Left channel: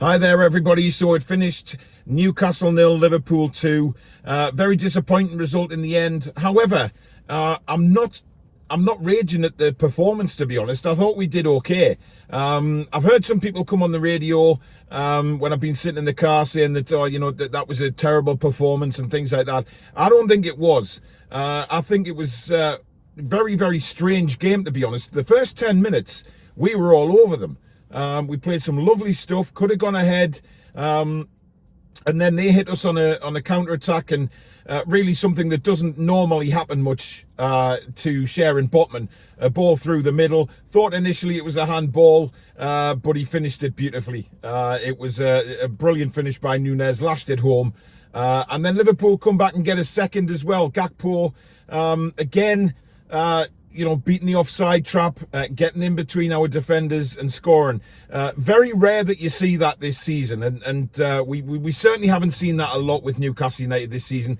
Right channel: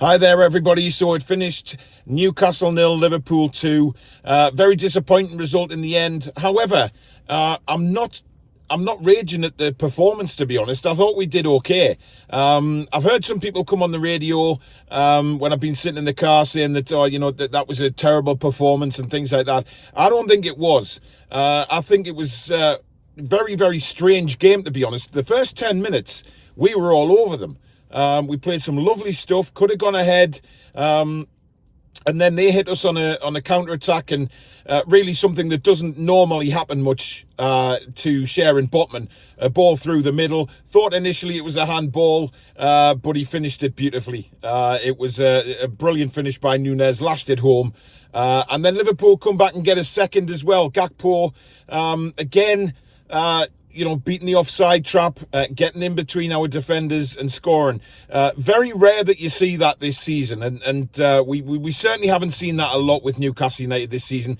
Hi there, everybody. So it finished Newcastle 0, Liverpool 2. Very disappointing result in the end. However, I'm not raging at the performance, to be honest. I thought we did okay. I've heard some people come on the radio when I've been sitting in the car saying that, that was a terrible performance and things like that. I don't think it was. I think it was a very, very strange game, to be honest. The first 10 minutes, we were all over them. We played some lovely stuff, could have gone ahead, and then they hit us on a counter-attack, and really something that doesn't normally happen much to Sharon Botman. A ball through the middle. Thought initially it was a handball, but he finished it beautifully. It was a brilliant finish by Nunez, lashed it home. And then Liverpool come back and get a second as well. Gakpo, again, beating the offside trap, getting in between our defenders and scoring. Very rare that you see that this season, and we certainly haven't seen that a lot with Newcastle United this season.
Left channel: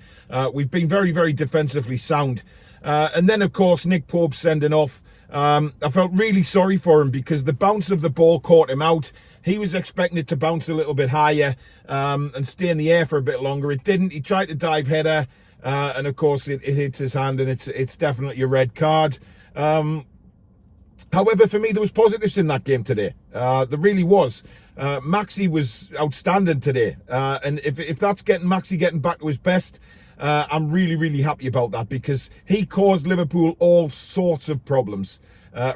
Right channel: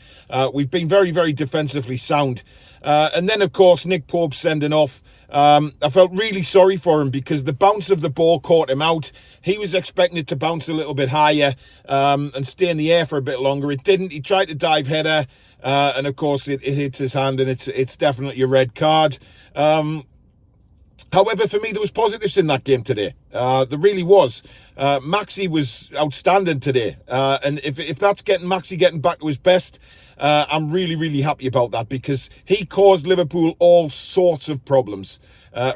We've been very, very defensively sound. And then, of course, Nick Pope sending off. I felt really sorry for him because the bounce of the ball caught him out. He was expecting it to bounce a little bit higher and stay in the air for a bit longer. It didn't. He tried to dive header. And of course, it hits his hand, and it's definitely a red card. However, for me, there was positives in that game today. There really was. Maxi was outstanding today, and if that's Maxi getting back to his best, I'm really, really happy about that because he caused Liverpool all sorts of problems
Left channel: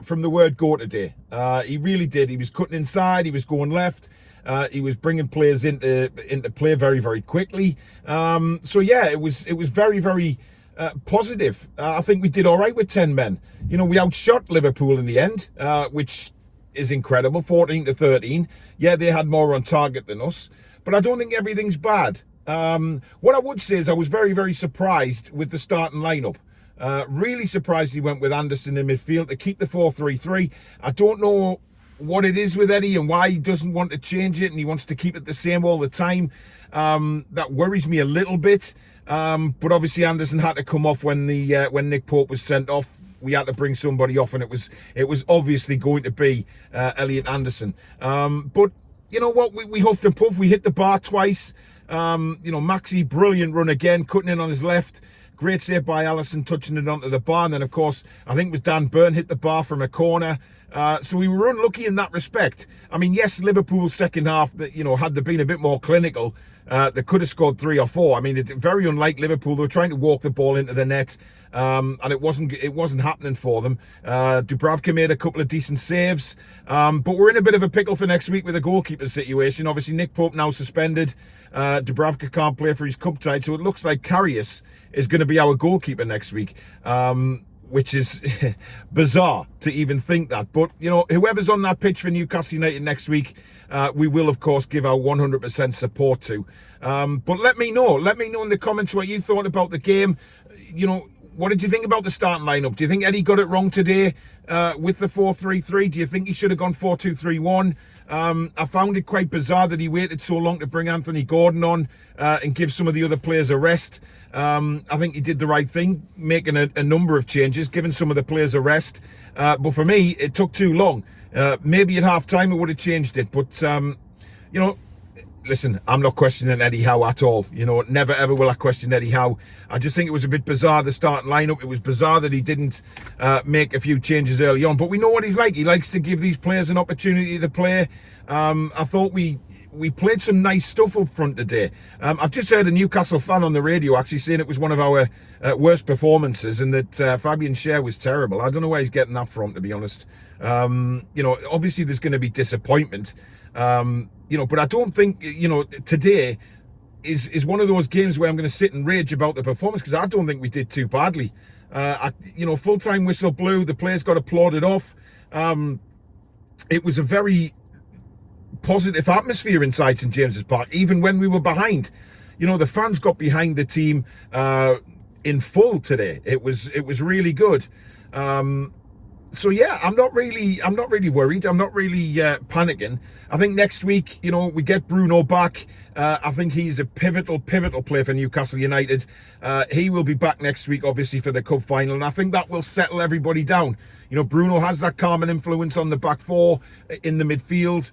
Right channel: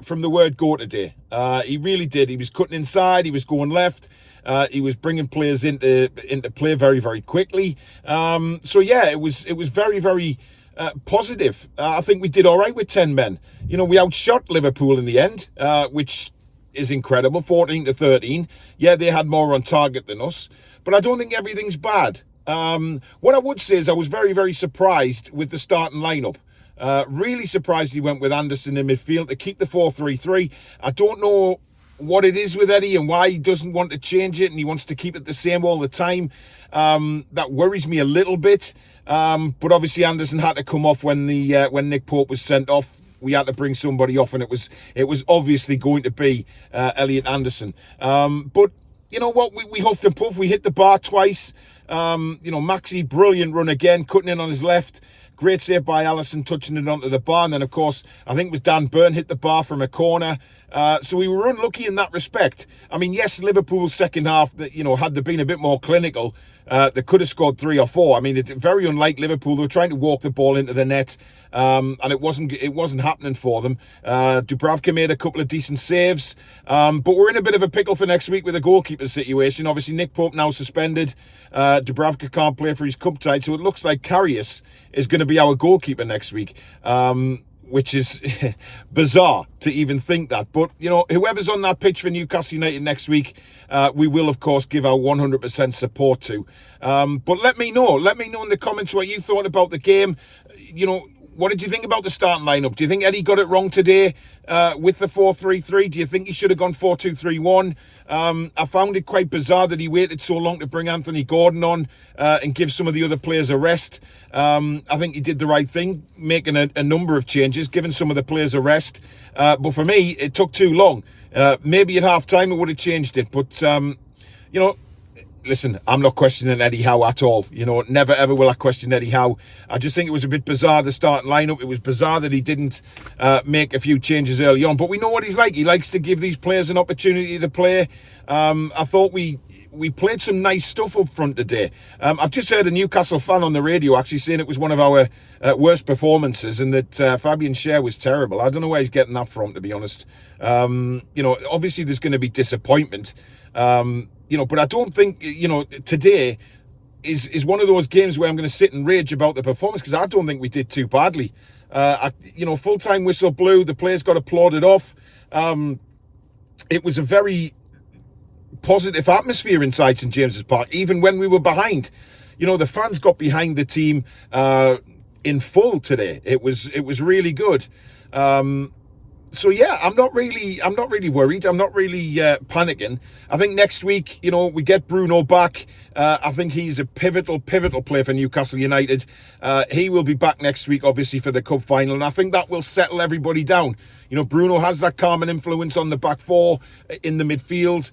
from the word go today. He really did. He was cutting inside. He was going left. He was bringing players into play very, very quickly. So yeah, it was very, very positive. I think we did all right with 10 men. We outshot Liverpool in the end, which is incredible, 14-13. Yeah, they had more on target than us, but I don't think everything's bad. What I would say is I was very, very surprised with the starting lineup. Really surprised he went with Anderson in midfield to keep the 4-3-3. I don't know what it is with Eddie and why he doesn't want to change it and he wants to keep it the same all the time. That worries me a little bit. But obviously Anderson had to come off when Nick Pope was sent off. We had to bring somebody off, and it was obviously going to be Elliot Anderson. But you know what? We huffed and puffed. We hit the bar twice. Maxi, brilliant run again, cutting in on his left. Great save by Alisson, touching it onto the bar. And then, of course, I think it was Dan Burn hit the bar from a corner. So we were unlucky in that respect. I mean, yes, Liverpool's second half, had they been a bit more clinical, they could have scored 3 or 4. I mean, it's very unlike Liverpool. They were trying to walk the ball into the net, and it wasn't happening for them. Dubravka made a couple of decent saves, but we're in a bit of a pickle for next week with a goalkeeper situation. Obviously, Nick Pope now suspended. Dubravka can't play for his cup tie, so it looks like Karius is going to be our goalkeeper next week. Which is bizarre to even think that. But, whoever's on that pitch for Newcastle United next week, we will, of course, give our 100% support to. But let me know in the comments what you thought about the game. What did you think about the starting lineup? Do you think Eddie got it wrong today with the 4-3-3? Do you think he should have gone 4-2-3-1? I found it quite bizarre that he waited so long to bring Anthony Gordon on and give some of the other players a rest. I think he did the right thing, making a number of changes, giving some of the players a rest. But for me, it took too long. Maybe at half-time it would have changed it. But, listen, I'm not questioning Eddie Howe at all. Never, ever will I question Eddie Howe. I just think it was a bit bizarre, the starting lineup. It was bizarre that he didn't make a few changes early on. But we know what he's like. He likes to give these players an opportunity to play. I thought we played some nice stuff up front today. I've just heard a Newcastle fan on the radio actually saying it was one of our worst performances and that Fabian Schär was terrible. I don't know where he's getting that from, to be honest. Obviously there's going to be disappointment. But I don't think, today is one of those games where I'm going to sit and rage about the performance because I don't think we did too badly. Full-time whistle blew. The players got applauded off. It was a very positive atmosphere inside St James's Park, even when we were behind. The fans got behind the team in full today. It was really good. So yeah, I'm not really worried. I'm not really panicking. I think next week, you know, we get Bruno back. I think he's a pivotal player for Newcastle United. He will be back next week, obviously, for the cup final, and I think that will settle everybody down. You know, Bruno has that calming influence on the back four in the midfield,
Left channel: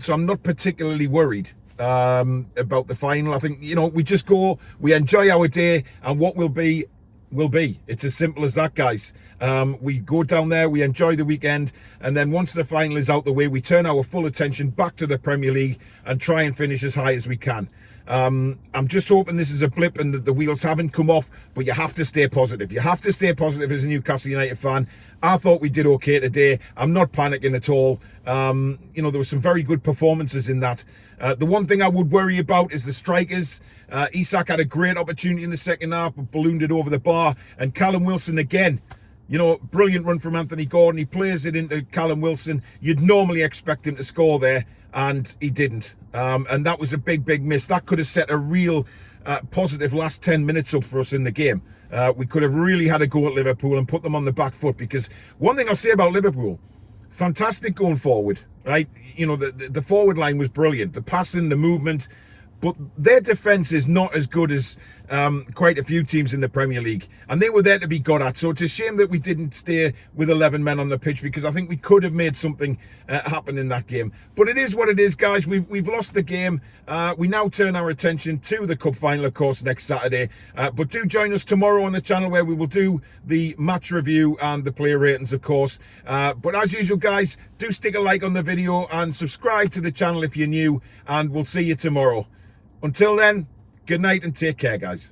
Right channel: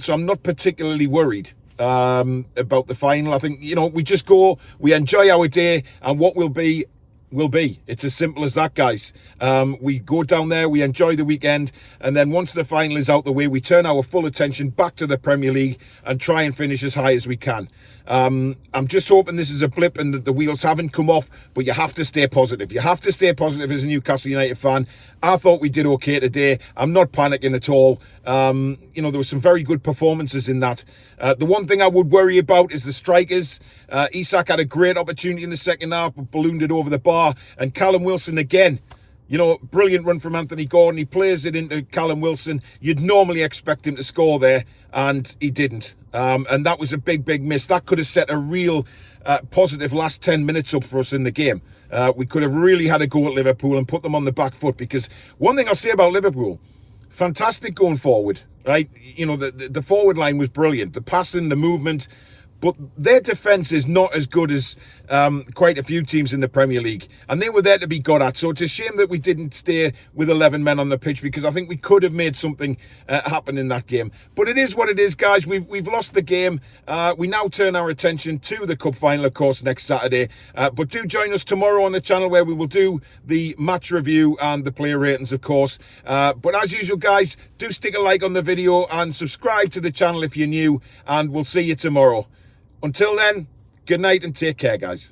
so I'm not particularly worried about the final. I think, you know, we just go, we enjoy our day, and what will be. It's as simple as that, guys. We go down there, we enjoy the weekend, and then once the final is out the way, we turn our full attention back to the Premier League and try and finish as high as we can. I'm just hoping this is a blip and that the wheels haven't come off, but you have to stay positive. You have to stay positive as a Newcastle United fan. I thought we did okay today. I'm not panicking at all. You know, there were some very good performances in that. The one thing I would worry about is the strikers. Isak had a great opportunity in the second half, but ballooned it over the bar. And Callum Wilson again, you know, brilliant run from Anthony Gordon. He plays it into Callum Wilson. You'd normally expect him to score there, and he didn't. And that was a big miss. That could have set a real positive last 10 minutes up for us in the game. We could have really had a go at Liverpool and put them on the back foot, because one thing I'll say about Liverpool, fantastic going forward, right? You know, the forward line was brilliant. The passing, the movement, but their defence is not as good as quite a few teams in the Premier League, and they were there to be got at. So it's a shame that we didn't stay with 11 men on the pitch, because I think we could have made something happen in that game. But it is what it is, guys. We've lost the game. We now turn our attention to the cup final, of course, next Saturday. But do join us tomorrow on the channel, where we will do the match review and the player ratings, of course. But as usual, guys, do stick a like on the video and subscribe to the channel if you're new, and we'll see you tomorrow. Until then, good night and take care, guys.